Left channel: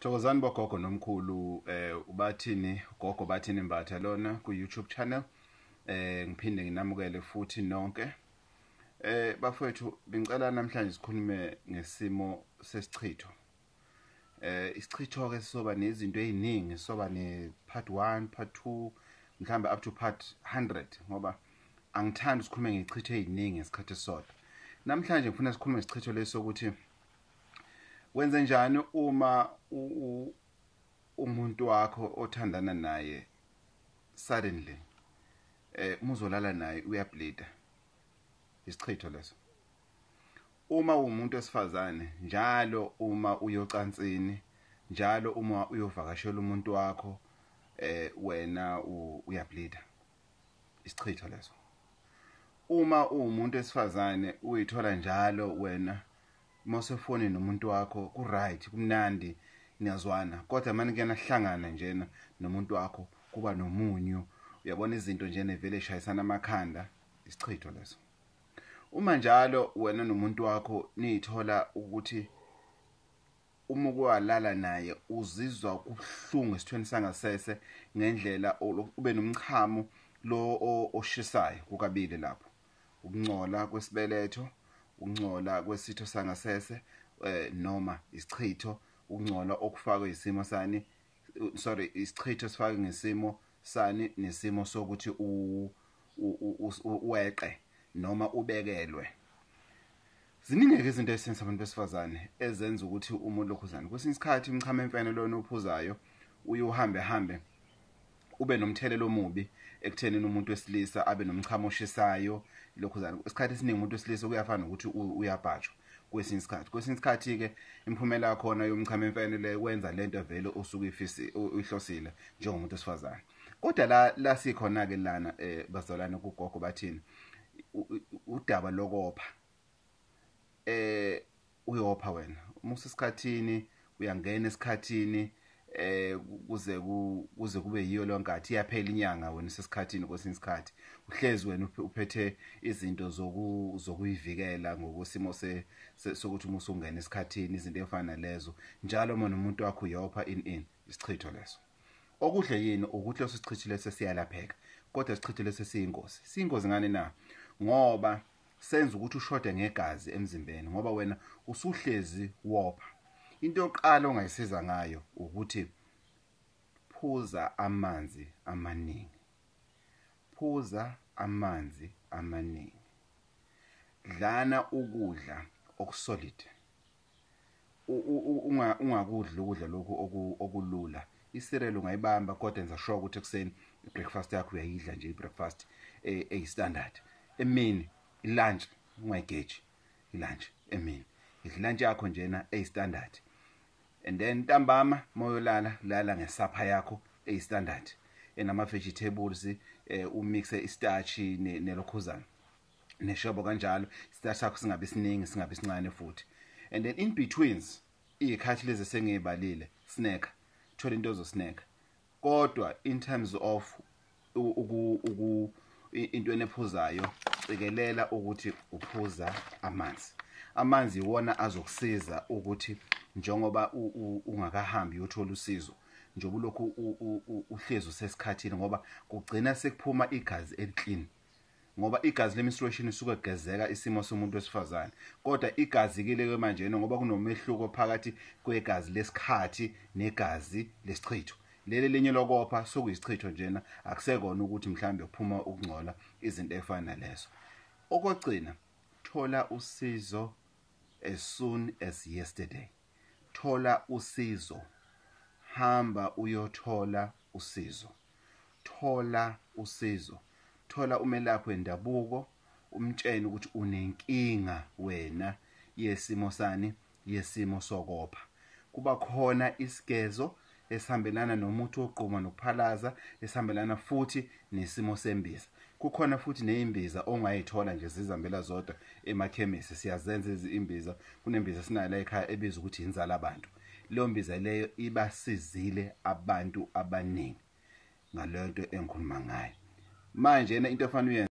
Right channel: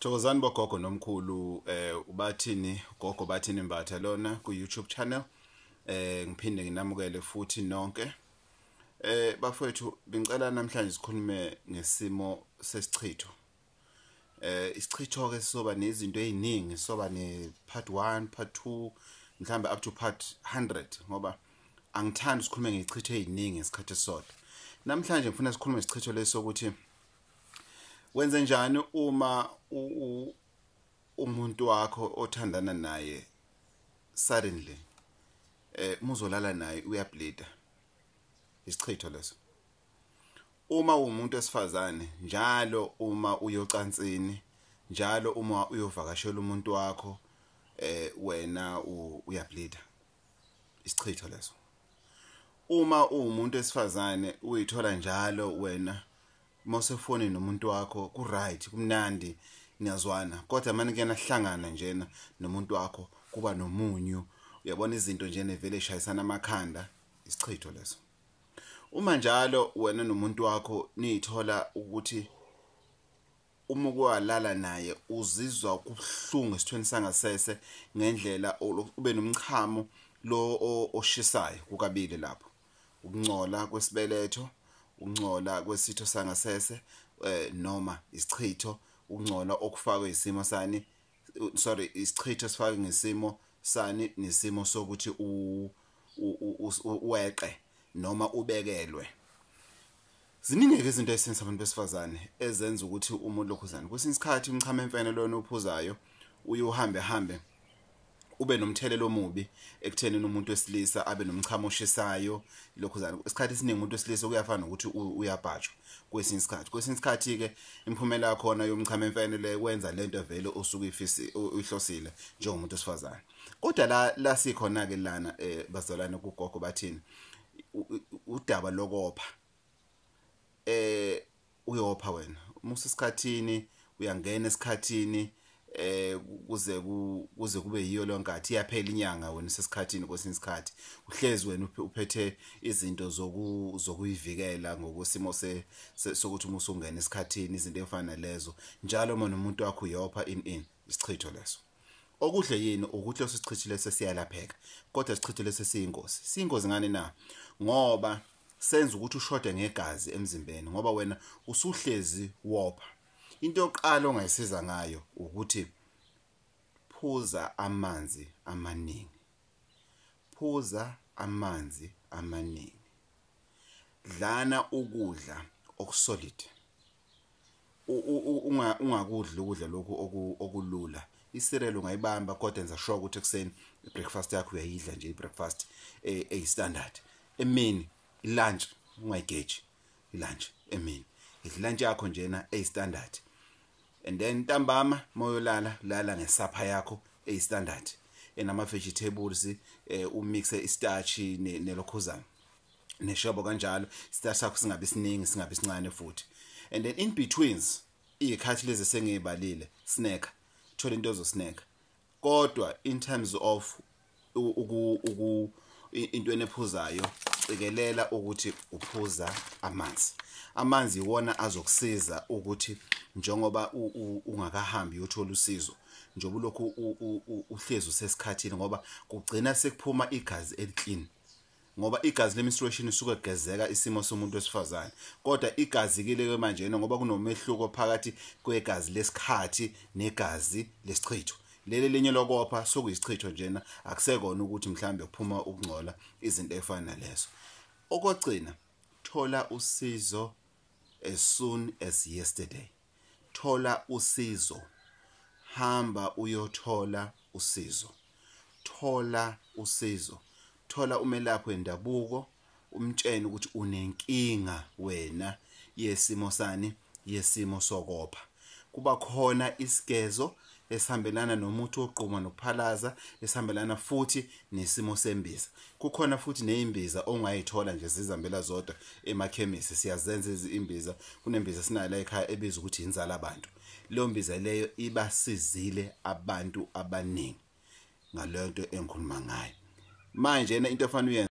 Thokozani bogogo nomkhulu ubathini Gogo Bathini Mbatha lona ku YouTube channel ngiphinde nginamukele futhi nonke bafowethu bengicela namhlanje sikhulume ngesimo sesichitho isichitho ke soba nezinto eziningi soba ne part 1 part 2 mhlambe up to part 100 ngoba angithandi sikhulume ngechitho eziningi ngesikhathi sodwa namhlanje ngifuna sikhulume ngesichitho leso ukuthi wenze njani uma umuntu wakho othandana naye suddenly muzolala naye uyableeda isichitho leso uma umuntu esifazane njalo uma uyocansini njalo uma uyovakashela umuntu wakho wena uyableeda isichitho leso uma umuntu esifazane uyithola njalo wena mosefoni nomuntu wakho ku right kumnandi niyazwana kodwa manje kuyanahlangana njena nomuntu wakho kuba nomunyu uyabona izinto nje nevele eshayisana amakhanda isichitho leso uma njalo wena nomuntu wakho nithola ukuthi uma ukwalala naye uzizwa kubuhlungu esithweni sangasese ngendlela ube nomchamo lo oshisayo kukabili lapho ukungcola kwesibeletho ukungcola kwesitho sangasese noma isichitho ukungcola okufakwe isimo sani isichitho sifake ngesimo sani nesimo sokuthi uweqe noma ubekelwe ziningi izinto ezisenza abantu besifazane ezenza ukuthi umuntu lokhuzana kwesinye isikhathi umchamo emfene lona ophuzayo uhambe ube nomthelelo omubi ekuthenini umuntu wesilisa abe nomchamo oshisayo lokhuzana isikhathi esiningi umuntu wesilisa kuyafana ukuthi uyabhajwa kwesinye isikhathi ke imphumela yakhona yomchamo emfene le wenza lento vele osuke uyihlosile njengomuntu wesifazane kodwa la sikhona ke lana bazalwane kuGogo Bathini udaba lokopha uyopha wena musa isikhathini uyangena esikhathini kuze kube yiyo lonkathi iyaphela inyanga wena sesikhathini kwesinye isikhathi uhlezi wena uphethe izinto zokuyivikela ngokusimo sokuthi musungena esikhathini izinto efana lezo njalo uma nomuntu wakho uyopha isichitho leso okuhle yini ukuthi leso sichitho leso siyalapheka kodwa isichitho leso siyingozi ngani na ngoba senza ukuthi ushoda ngegazi emzimbeni ngoba wena usuhlezi wopha into yokuqala ongayisiza ngayo ukuthi phuza amanzi amaningi dlana ukudla okusolid ungakudla ukudla lokhu okulula icereal ungayibamba kodwa enza sure ukuthi ekseni ibreakfast yakho uyayidla nje ibreakfast standard emini lunch ungayigeji lunch emini lunch yakho njena standard and then ntambama moyolala lala ngesapha yakho standard enama vegetables umixe istarch nelokhuzana neshobo kanjalo istarch sakho singabe siningi singabe sincane futhi and then in betweens ikhathi lezi sengibalile snack thola into zo snack kodwa in terms of into enephuzayo cikelela ukuthi uphuza amanzi iwona azokusiza ukuthi njengoba ungakahambi uyothola usizo njengoba lokho uhlezi usesikhathini ngoba kugcina sekuphuma igazi eliclean ngoba igazi lemenstruation isuka kugezeka isimo somuntu wesifazane kodwa igazi kile manje ngoba kunomehluko phakathi kwegazi lesikhathi negazi lesichitho leli linye lokopha sokuyisichitho njena akusekona ukuthi mhlambe kuphuma ukungcola izinto efana lezo okugcina thola usizo as soon as yesterday thola usizo hamba uyothola usizo thola umelaphi wendabuko umtshene ukuthi unenkinga wena yesimo sokopha kuba khona isigezo esihambelana nomuntu oqhuma nokuphalaza esihambelana futhi nesimo sembiza kukhona futhi neimbiza ongayithola nje zizambela zodwa emakhemisi siyazenza izimbiza kunembiza sinayo la ekhaya ebizwa ukuthi inzala abantu leyo mbiza leyo ibasizile abantu abaningi ngaleyo nto engikhuluma ngayo manje into efanele